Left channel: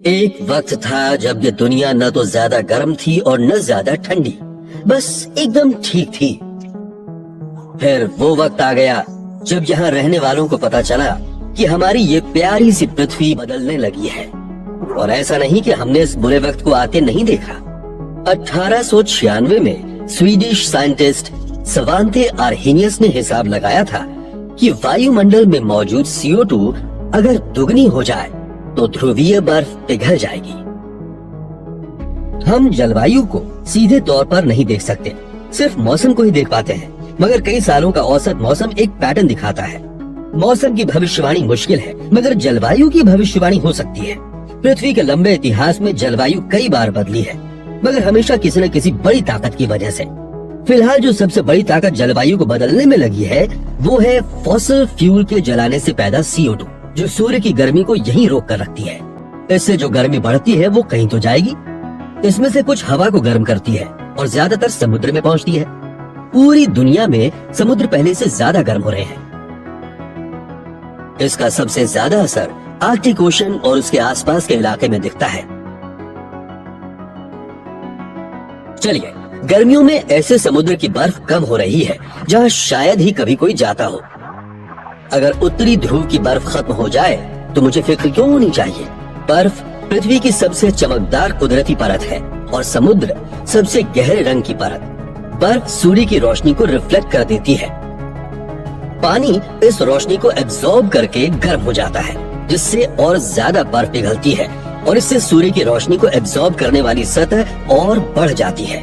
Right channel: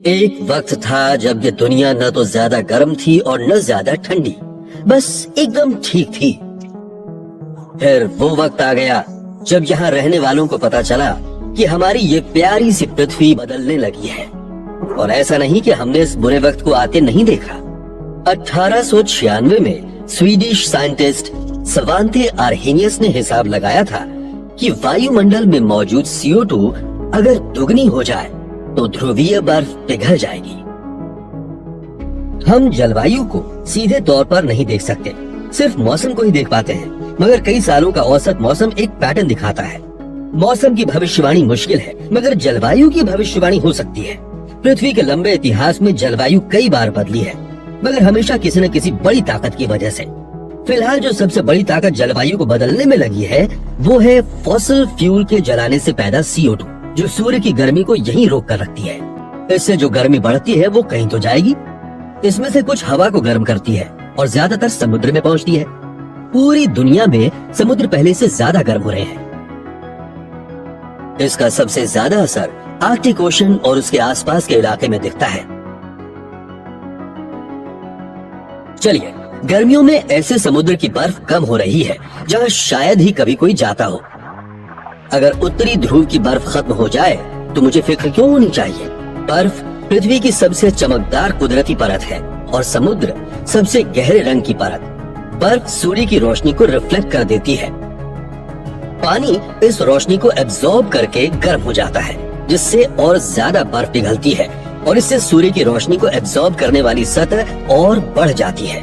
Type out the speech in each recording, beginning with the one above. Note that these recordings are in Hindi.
एक वक्त था जब ये दुनिया न तो ज्यादा गर्म थी और न ज्यादा ठंडी, बस एकदम ठीक थी। फिर वो वक्त आ गया जब यहाँ रहने वालों को पता चला कि हमारी ये प्यारी सी पृथ्वी बदलने लगी है। और ऐसा नहीं कि हमने इस बुरे वक्त को आते नहीं देखा। 1896 में स्वीडिश साइंटिस्ट सवांते आर्हेनियस ने हिसाब लगाया था कि वायुमंडल में मौजूद CO2 अगर दुगनी हो जाए तो ध्रुवीय बर्फ पिघल जाएगी। हम जलवायु को सीधे तौर पर नहीं देख सकते, सिर्फ मौसम को ही देख पाते हैं, मगर कई सालों का औसत मौसम एक पैटर्न दिखाता है। मौसम की भविष्यवाणी मुश्किल है, मगर जलवायु की भविष्यवाणी हो सकती है। पृथ्वी के लंबे इतिहास में जलवायु कई बार बदली है, मगर हमेशा किसी न किसी बड़ी ताकत की वजह से। फिलहाल जो सबसे बड़ी ताकत जलवायु को बदलने में लगी है वो है फॉसिल फ्यूल के जलाने से पैदा CO2, जो सूर्य की गर्मी को यहीं रोक कर रखती है। इससे जो गर्मी बढ़ती है वो कहीं तो जाएगी। इसमें से कुछ हवा को गर्म करती है और ज्यादातर समुद्र में पहुंचती है। पूरी दुनिया में समुद्र पहले से ज्यादा गर्म हो रहे हैं। इसका सबसे ज्यादा असर आर्कटिक ओशन और उसके आसपास के इलाके में दिखता है। चलिए, गर्मियों में ऐसे समुद्र की बर्फ कम हो रही है जहां शायद ही कभी कोई जाता हो। अगर उत्तरी ध्रुव की बर्फ खत्म हो जाए तो मुझे फिक्र क्यों होनी चाहिए। बर्फ पृथ्वी की सबसे चमकदार कुदरती परत है और समुद्र सबसे गहरे रंग की परत। बर्फ सूर्य की रोशनी को रिफ्लेक्ट कर देती है। पानी इस रोशनी को एब्जॉर्ब करके गर्म हो जाता है, जिससे और ज्यादा बर्फ पिघलती है और इससे सूर्य की रोशनी को एब्जॉर्ब करने वाली सतह और बढ़ जाती है।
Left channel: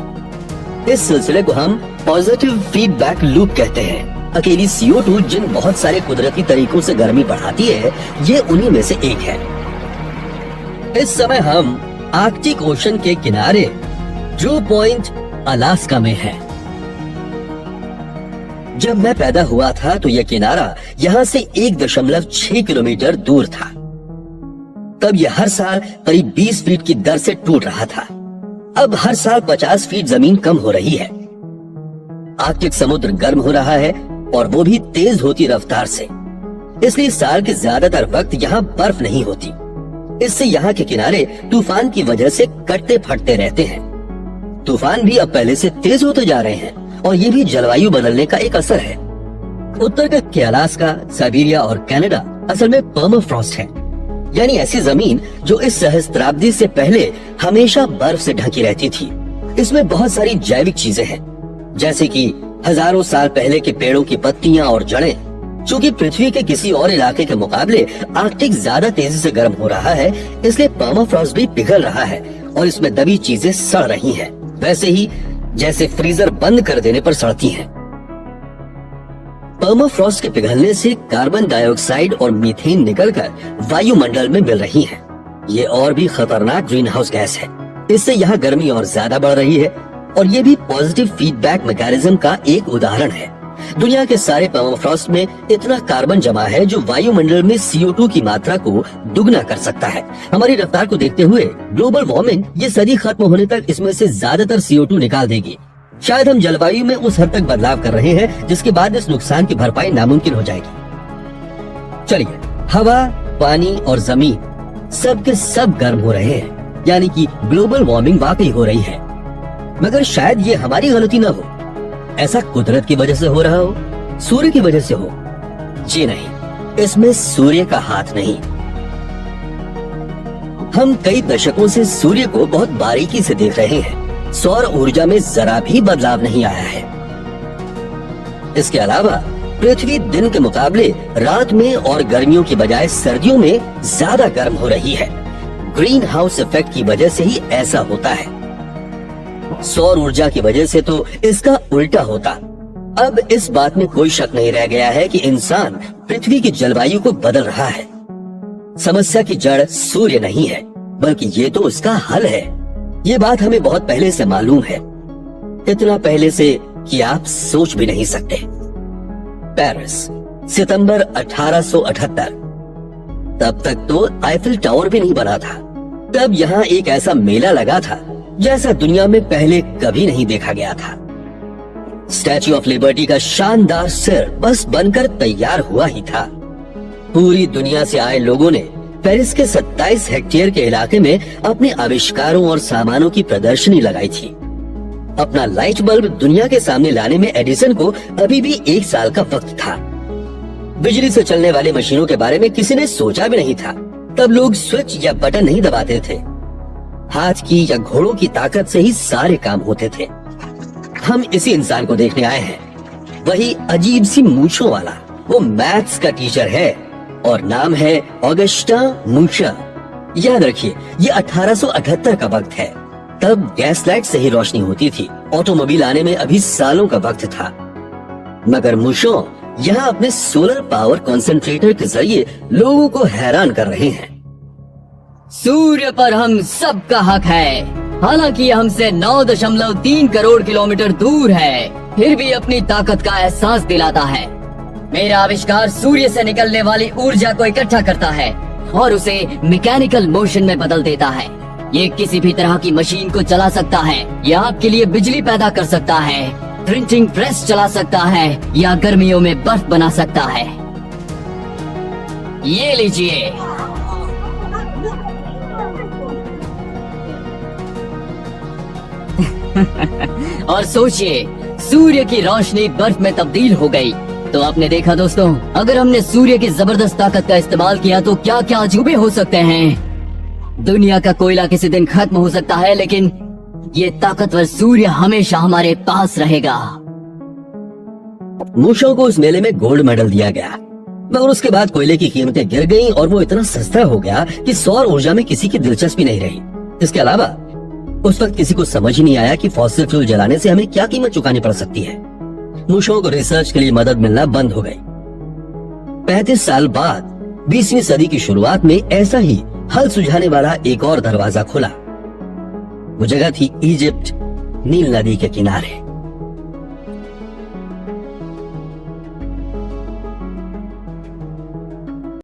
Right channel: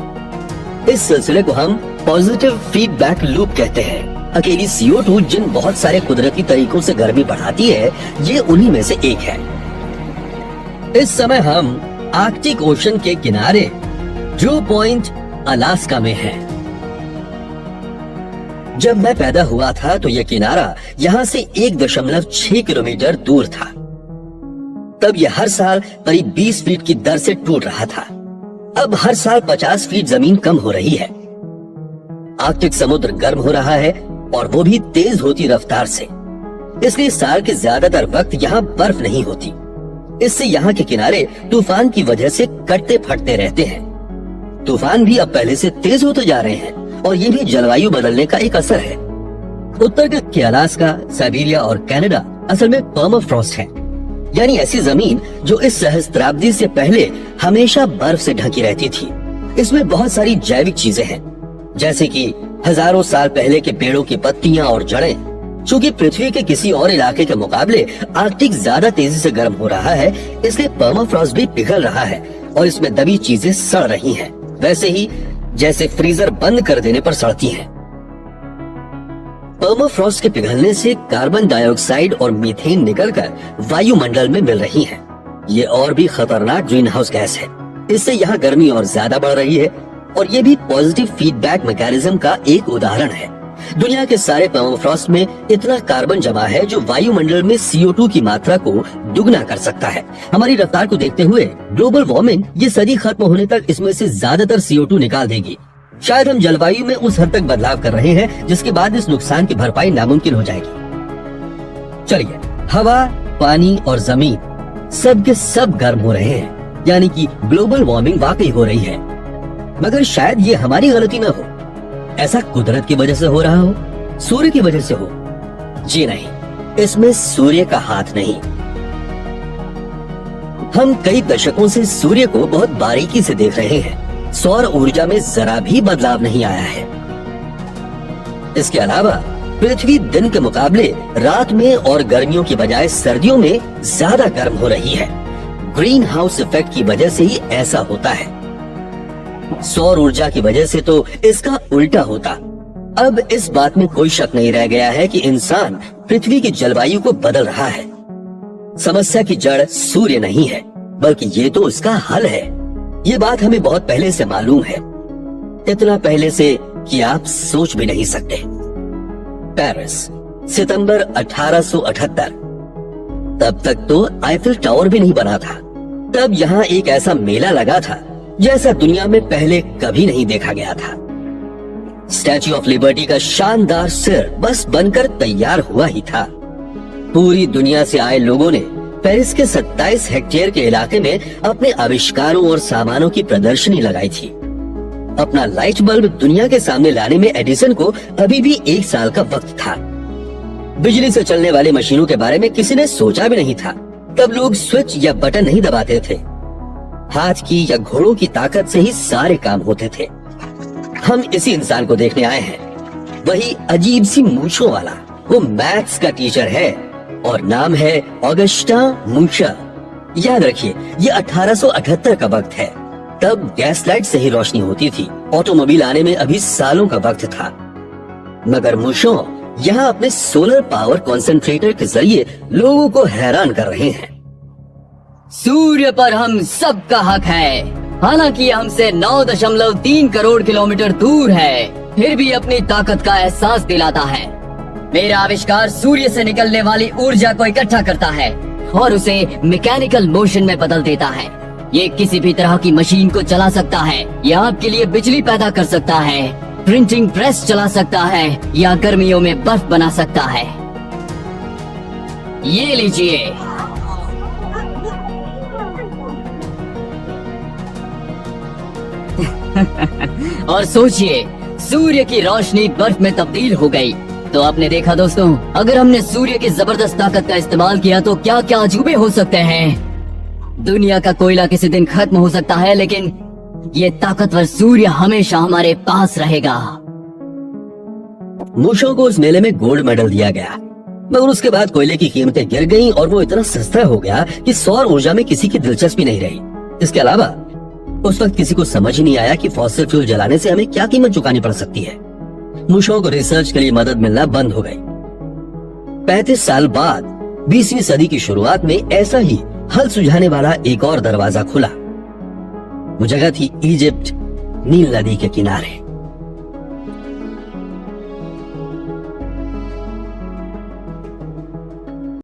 इस सिलसिले को हम पॉजिटिव फीडबैक लूप कहते हैं। अकेली CO2 जिन बहुत सारे कुदरती तरीकों से गर्मी बढ़ाती है, ये उन्हीं में से एक है। इस समय हम आर्कटिक ओशन के किनारे जो पॉइंट अलास्का में है। जब मैं पैदा हुआ था तो यह किनारा यहाँ से 1.6 किलोमीटर दूर था। तब यह हर साल करीब 20 फीट की दर से टूट रहा था। अब हर साल 50 फीट जमीन कम हो रही है। आर्कटिक समुद्र गर्म हो रहा है और वो भी तेज होती रफ्तार से। इसलिए साल के ज्यादातर वक्त यहाँ बर्फ नहीं होती। इससे यहाँ के किनारे तूफान की वजह से कटते फटते रहते हैं। तूफान भी अब पहले से तेज होते जा रहे हैं और ये भी जलवायु बदलने का एक असर है। उत्तर के अलास्का, साइबेरिया और कनाडा असल में पर्माफ्रॉस्ट है, यानी ऐसी जमीन जो इस सहस्त्राब्दी से पहले हमेशा बर्फ से ढकी रहती थी। इसमें बहुत सारी जैविक चीजें हैं, जैसे कि हजारों साल पहले के पेड़ों की पत्तियां और जड़ें। चूँकि पृथ्वी के किसी और इलाके के मुकाबले आर्कटिक ज्यादा तेजी से गर्म हो रहा है, इसलिए पर्माफ्रॉस्ट भी पिघल रहा है और इसमें दबी चीजें सड़ रही हैं, वैसे ही जैसे फ्रीजर बंद कर देने पर सड़ती हैं। पर्माफ्रॉस्ट के पिघलने से कार्बन डाइऑक्साइड और मीथेन निकलकर वायुमंडल में मिल रही है। ये और भी खतरनाक ग्रीन हाउस गैस है। इससे यहाँ गर्मी और ज्यादा बढ़ रही है और ये भी पॉजिटिव फीडबैक मैकेनिज्म का एक उदाहरण है। दुनिया के सारे पर्माफ्रॉस्ट में इतना कार्बन जमा है जो वायुमंडल में CO2 की मात्रा को दुगना कर सकता है। हमारी रफ्तार को देखते हुए ग्लोबल वार्मिंग ये सदी खत्म होने तक इसमें से ज्यादातर CO2 निकाल देगी। शायद हम जलवायु में उस हद तक बदलाव कर रहे हैं जिसके बाद इस नुकसान की भरपाई नामुमकिन हो जाएगी। चलिए, हवा, पानी और जमीन सब के सब गर्म हो रहे हैं, यानी कि ग्लोबल वार्मिंग वाकई हो रही है। मगर शायद ये हमारी गलती न हो। ऐसा कुदरत की वजह से हो रहा हो, सूर्य की वजह से हो। जी नहीं, इसमें सूर्य का हाथ नहीं। हम कई दशकों से सूर्य को बहुत बारीकी से देख रहे हैं। सौर ऊर्जा में जरा भी बदलाव नहीं आया है। इसके अलावा पृथ्वी दिन के मुकाबले रात में और गर्मियों की बजाय सर्दियों में ज्यादा गर्म हो रही है। ग्रीन हाउस इफेक्ट की वजह से ही ऐसा होता है। सौर ऊर्जा की वजह से तो इसका उल्टा होता। अब इस बात में कोई शक नहीं रह गया है कि इंसान पृथ्वी की जलवायु को बदल रहा है। समस्या की जड़ सूर्य नहीं है, बल्कि ये तो इसका हल है। ये बात हमें बहुत पहले से मालूम है, इतना पहले से कि आप सोच भी नहीं सकते। पेरिस, सितंबर 1878। तब तक तो आईफिल टावर भी नहीं बना था। तब यहाँ एक ऐसा मेला लगा था जैसा दुनिया में पहले कभी नहीं देखा गया था। स्टैच्यू ऑफ लिबर्टी का शानदार सिर बस बनकर तैयार हुआ ही था। पूरी दुनिया से आए लोगों ने पेरिस के 27 हेक्टेयर के इलाके में अपने आविष्कारों और सामानों की प्रदर्शनी लगाई थी। अपना लाइट बल्ब दुनिया के सामने लाने में एडिसन को अभी भी 1 साल का वक्त था। बिजली से चलने वाली मशीनों के बारे में किसी ने सोचा भी नहीं था। तब लोग स्विच या बटन नहीं दबाते थे, हाथ की या घोड़ों की ताकत से ही सारे काम होते थे। हम इसी इंसान को देखने आए हैं, वही अजीब सी मूंछों वाला। वो मैथ्स का टीचर है और नाम है ऑगस्टा मूशा। याद रखिए, ये 1878 का वक्त है। तब गैस लाइट से ही रोशनी होती थी। ऑटोमोबाइल आने में अभी सालों का वक्त था। मगर मूशो यहाँ अपने सोलर पावर कंसंट्रेटर के जरिए लोगों को हैरान कर रहे हैं। सूर्य पर हम सबका हक है, हालांकि ये हमसे 9.3 करोड़ किलोमीटर दूर है, फिर भी अपनी ताकत का एहसास दिलाता है। मेरा आविष्कार सूर्य से निकलने वाली ऊर्जा को इकट्ठा करता है और उसे मैकेनिकल मोशन में बदल देता है। ये किसी भी तरह की मशीन को चला सकता है, ये आपके लिए बिजली पैदा कर सकता है, प्रिंटिंग प्रेस चला सकता है या गर्मियों में बर्फ बना सकता है। ये लीजिए। और सोचिए, सूर्य की रोशनी बर्फ में तब्दील हो गई। तो आपने देखा दोस्तों, अगर हमने सूर्य की जबरदस्त ताकत का इस्तेमाल किया तो क्या क्या अजूबे हो सकते हैं। दुनिया का कोयला किसी दिन खत्म हो सकता है, लेकिन ये ताकतवर सूर्य हमेशा हमारे पास रहेगा। मूशो को उस मेले में गोल्ड मेडल दिया गया, मगर उसके बाद कोयले की कीमतें गिर गईं और वो इतना सस्ता हो गया कि सौर ऊर्जा में किसी की दिलचस्पी नहीं रही। इसके अलावा उस वक्त किसी को समझ ही नहीं आया कि फॉसिल फ्यूल जलाने से हमें क्या कीमत चुकानी पड़ सकती है। मूशो को रिसर्च के लिए मदद मिलना बंद हो गई। 35 साल बाद 20वीं सदी की शुरुआत में ऐसा ही हल सुलझाने वाला एक और दरवाजा खुला। वो जगह थी इजिप्ट, नील नदी के किनारे।